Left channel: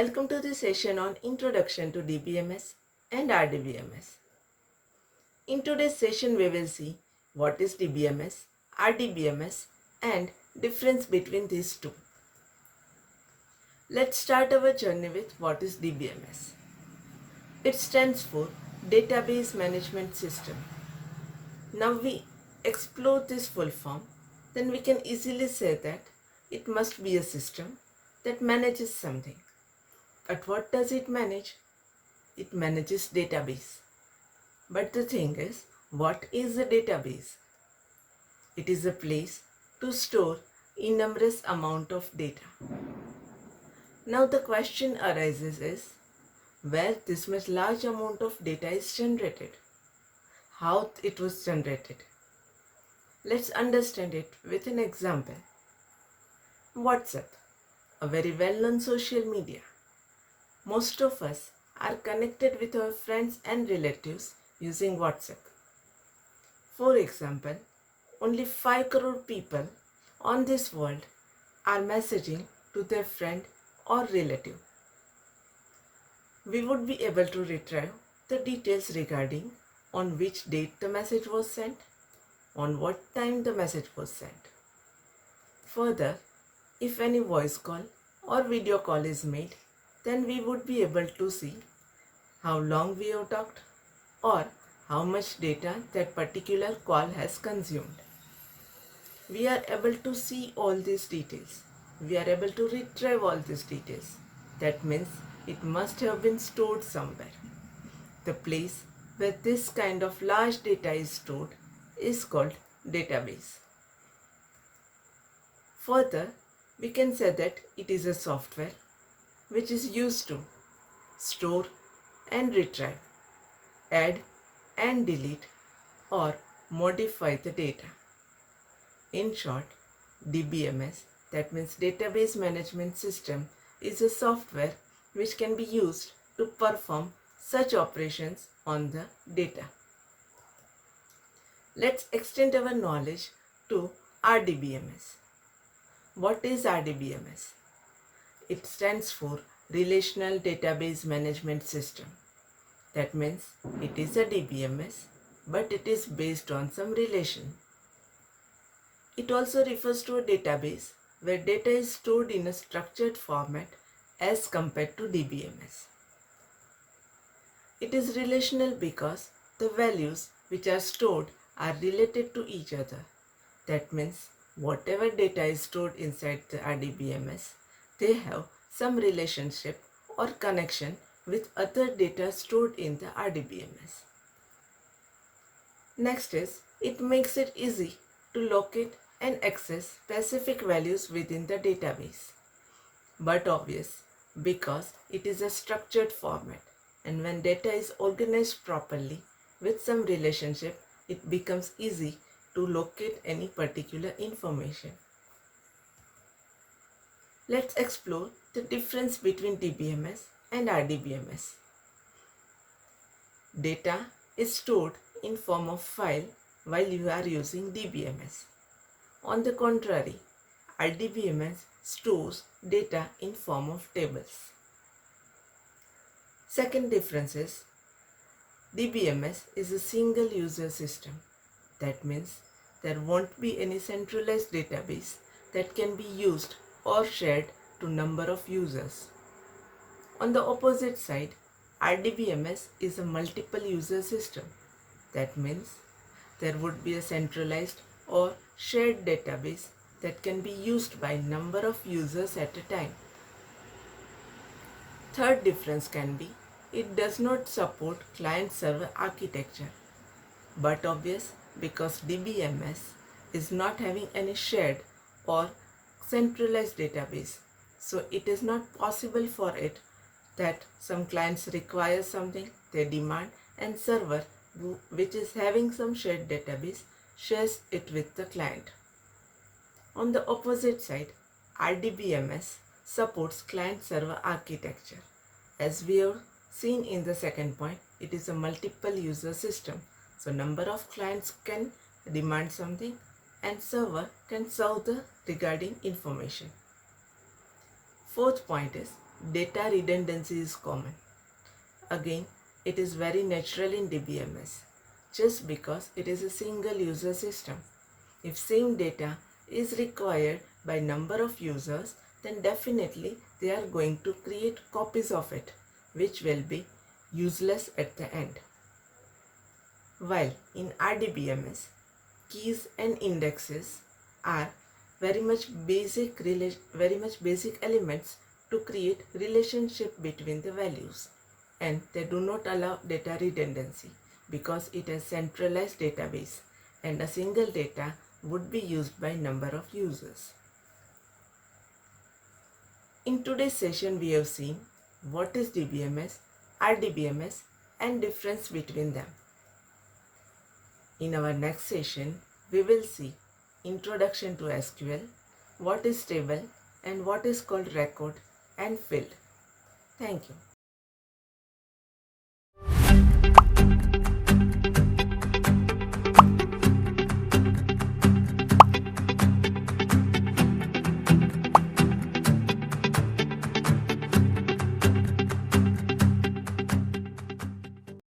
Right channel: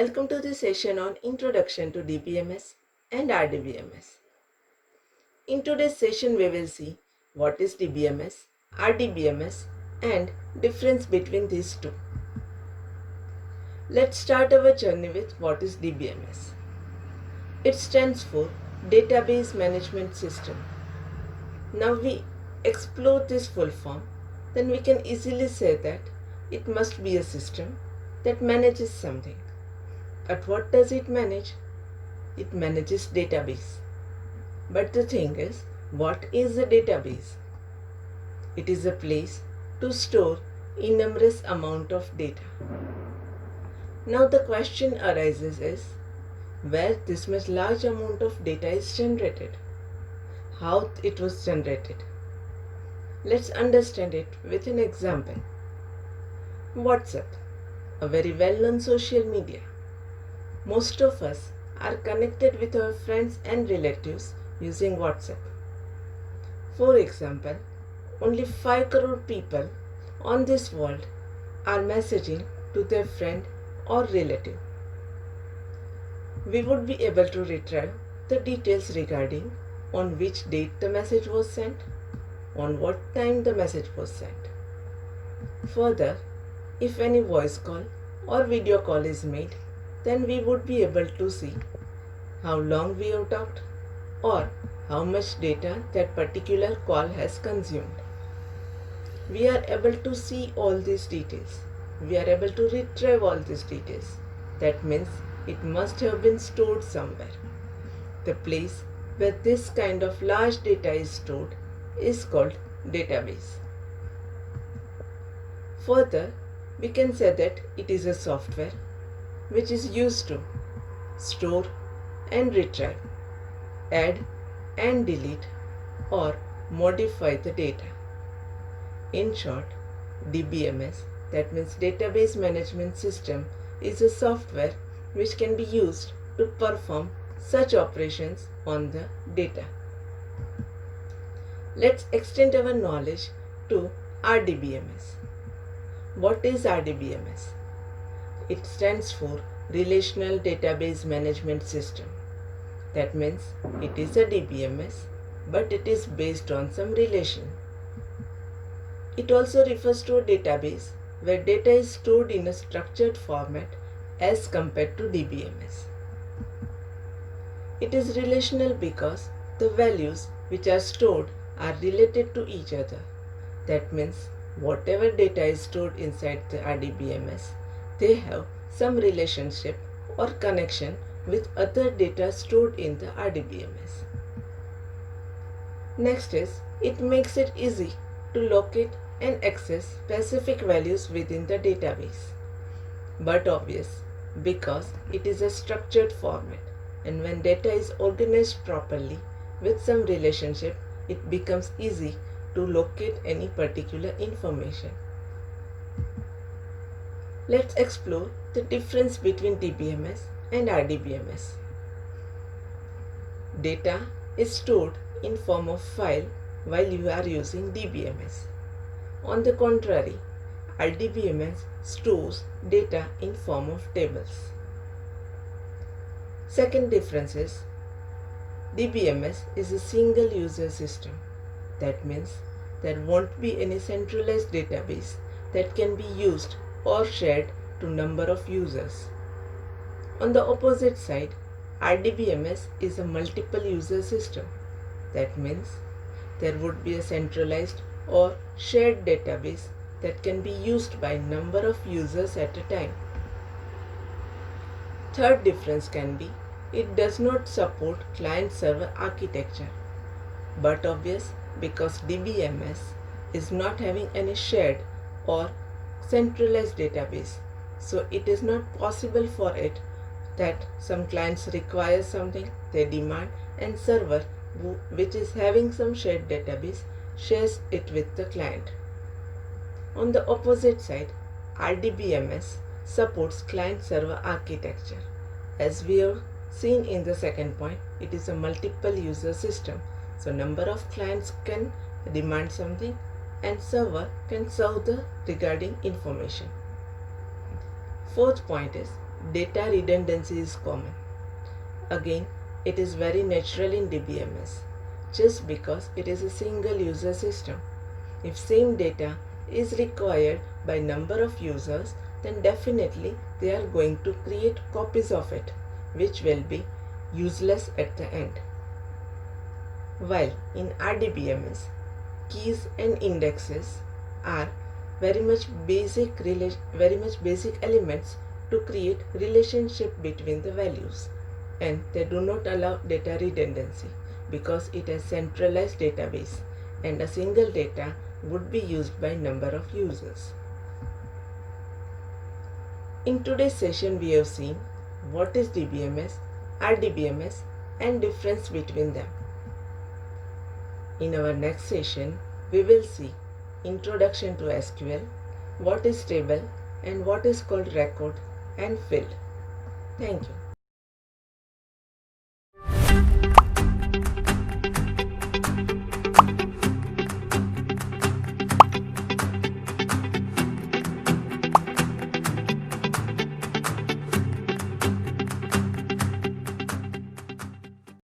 Welcome to this session on Introduction to DBMS and RDBMS. In today's session, we will see what is DBMS, RDBMS, and difference between these two. Let's start our journey with what is DBMS. It stands for Database Management System. Now we explore this full form, then we can easily say that it must be a system that manages something. But what does it manage? It manages database. But the thing is, what is a database? It is a place to store enormous amount of data. Now the question arises is, where this much large amount of data is generated? How it was generated? Let's understand it with an example. WhatsApp, a very well-known social media. Most of us are connected with our friends and relatives using WhatsApp. For example, only 5 crore people on this world are messaging to their friend or relative. We would be able to retrieve the details regarding on which date the message was sent, on what time the message was sent. Further, if any voice call or video call is made, then we would be able to see how long we have talked or how much data that particular call has consumed. We are able to see all these details. We are able to retrieve all these details. That means it must have been stored somewhere. The place where this kind of large data is stored is called database. Further, we can say that it is a software which is used to store and retrieve, add and delete or modify the data. In short, DBMS, that means Database Management System, is a software which can be used to perform such operations on the data. Let's extend our knowledge to RDBMS. What is RDBMS? It stands for Relational Database Management System. That means it is a DBMS, but it is based on some relation. It also refers to a database where data is stored in a structured format as compared to DBMS. It is relational because the values which are stored are related to each other. That means whatever data is stored inside the RDBMS, they have some relationship or connection with other data stored in the RDBMS. Next is, it makes it easy to locate and access specific values within the database. But obvious, because it is a structured format, and when data is organized properly with some relationship, it becomes easy to locate any particular information. Let's explore the difference between DBMS and RDBMS. Data is stored in form of file while you are using DBMS. On the contrary, RDBMS stores data in form of tables. Second difference is, DBMS is a single user system. That means there won't be any centralized database that can be used or shared to number of users. On the opposite side, RDBMS is a multiple user system. That means there would be a centralized or shared database that can be used by number of users at a time. Third difference can be, it does not support client-server architecture. But obvious, because DBMS is not having any shared or centralized database, so it is not possible for it that some clients require something, they demand, and server which is having some shared database shares it with the client. On the opposite side, RDBMS supports client-server architecture. As we have seen in the second point, it is a multiple user system. So number of clients can demand something and server can serve the regarding information. Fourth point is, data redundancy is common. Again, it is very natural in DBMS just because it is a single user system. If same data is required by number of users, then definitely they are going to create copies of it, which will be useless at the end. While in RDBMS, keys and indexes are very much basic elements to create relationship between the values, and they do not allow data redundancy because it is centralized database and a single data would be used by number of users. In today's session we have seen what is DBMS, RDBMS and difference between them. In our next session we will see Introduction to SQL, what is table and what is called record and field. Thank you.